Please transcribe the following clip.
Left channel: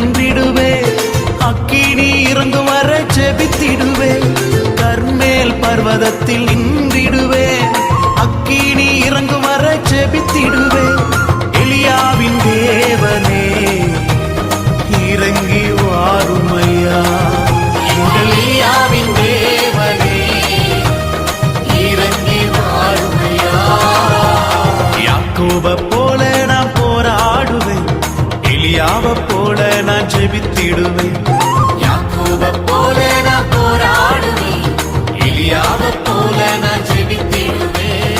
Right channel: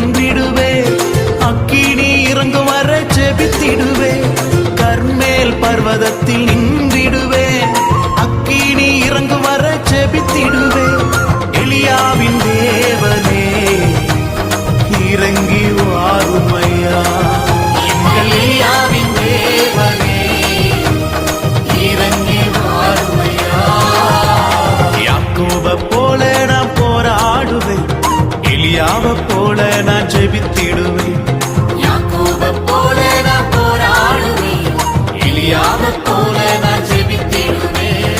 நின்றிடுவே, அக்கினி இறங்கும் வர ஜெபித்திடுவே, கர்மேல் பர்வதத்தில் நின்றிடுவே, அக்கினி இறங்கும் வர ஜெபித்திடுவே. எலியாவின் தேவனே இறங்கி வாருமையா, எங்கள் எலியாவின் தேவனே இறங்கி வாருமையா. யாக்கோப போல நான் போராடுவேன், எலியாவ போல நான் ஜெபித்திடுவேன். யாக்கோப போல நான் போராடுவேன், எலியாவ போல நான் ஜெபித்திடுவேன்.